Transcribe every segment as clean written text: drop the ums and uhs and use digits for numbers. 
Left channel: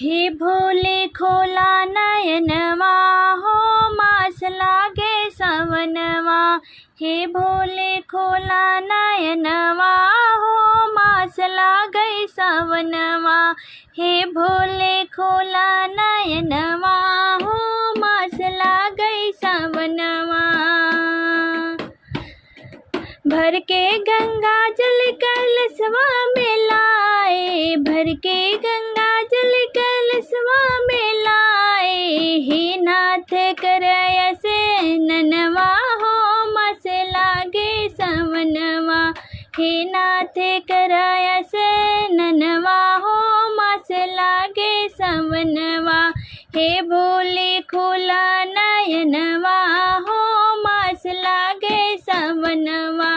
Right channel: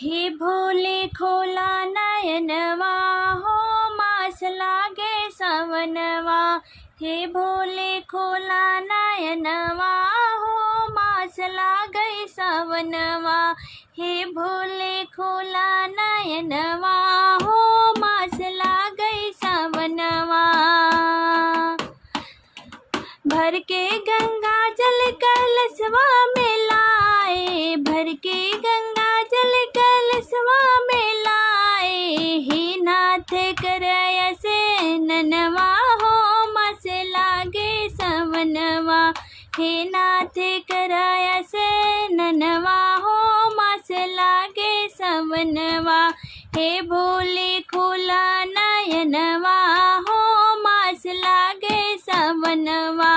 हे भोले खोला नयनवा हो मास लागे सवनवा। हे भोले खोला नयनवा हो मास लागे सवनवा। हे भोले खोला नयनवा हो मास लागे सवनवा। भर के गंगा जल कलशवा में लाए, भर के गंगा जल कलशवा में लाए। हे नाथ करय से ननवा हो मास लागे सवनवा। हे नाथ करय से ननवा हो मास लागे सवनवा। हे भोले खोला नयनवा हो मास लागे सवनवा।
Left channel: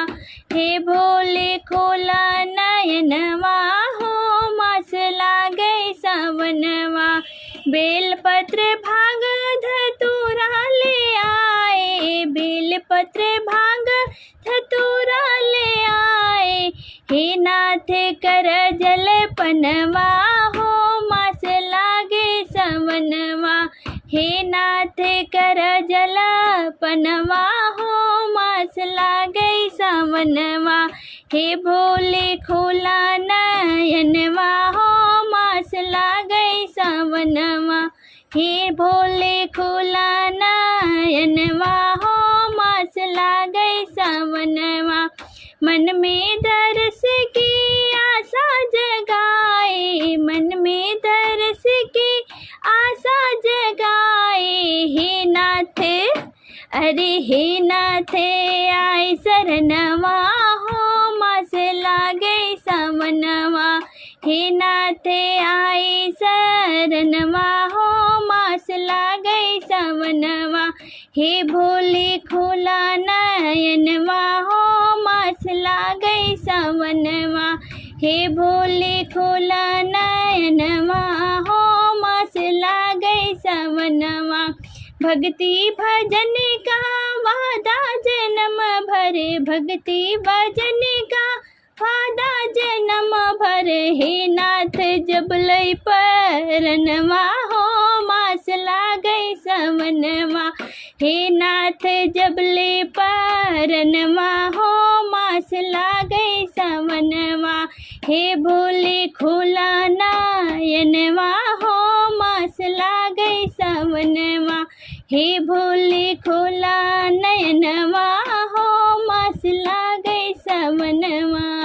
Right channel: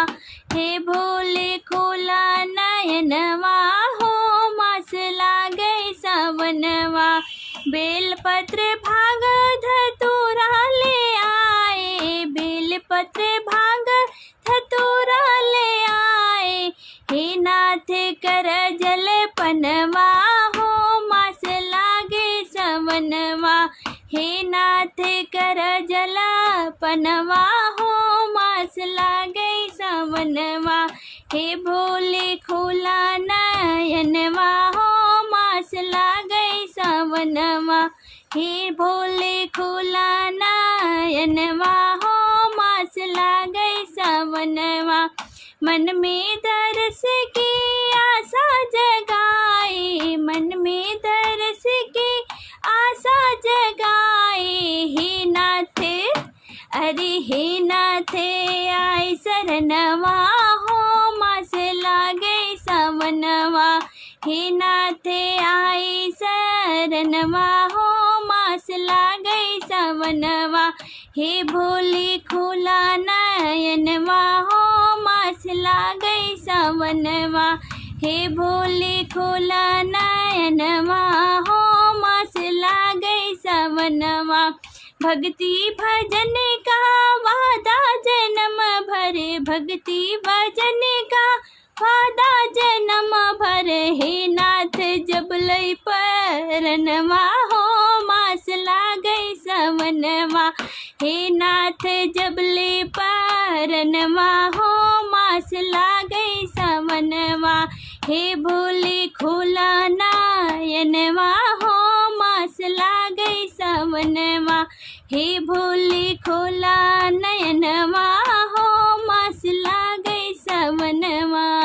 हे भोले खोला नयनवा हो मास लागे सवनवा। बेलपत्र भांग धतूरा ले आए, बेलपत्र भांग धतूरा ले आए। हे नाथ कर जल पनवा हो मास लागे सवनवा। हे नाथ कर जल पनवा हो मास लागे सवनवा। हे भोले खोला नयनवा हो मास लागे सवनवा। हे भोले खोला नयनवा हो मास लागे सवनवा। मन में दर्श की आशा जगाए, मन में दर्श की आशा जगाए। हे नाथ अरे हे नाथ आए शरणवा हो मास लागे सवनवा। हे नाथ आए शरणवा हो मास लागे सवनवा। हे भोले खोला नयनवा हो मास लागे सवनवा। हे भोले खोला नयनवा हो मास लागे सवनवा। भक्ति भजन का वादा जन्म भर, भक्ति भजन का वादा जन्म भर। हे नाथ जब लय परनवा हो मास लागे सवनवा। हे नाथ जब लय परनवा हो मास लागे सवनवा। हे भोले खोला नयनवा हो मास लागे सवनवा। हे भोले खोला नयनवा हो मास लागे सवनवा।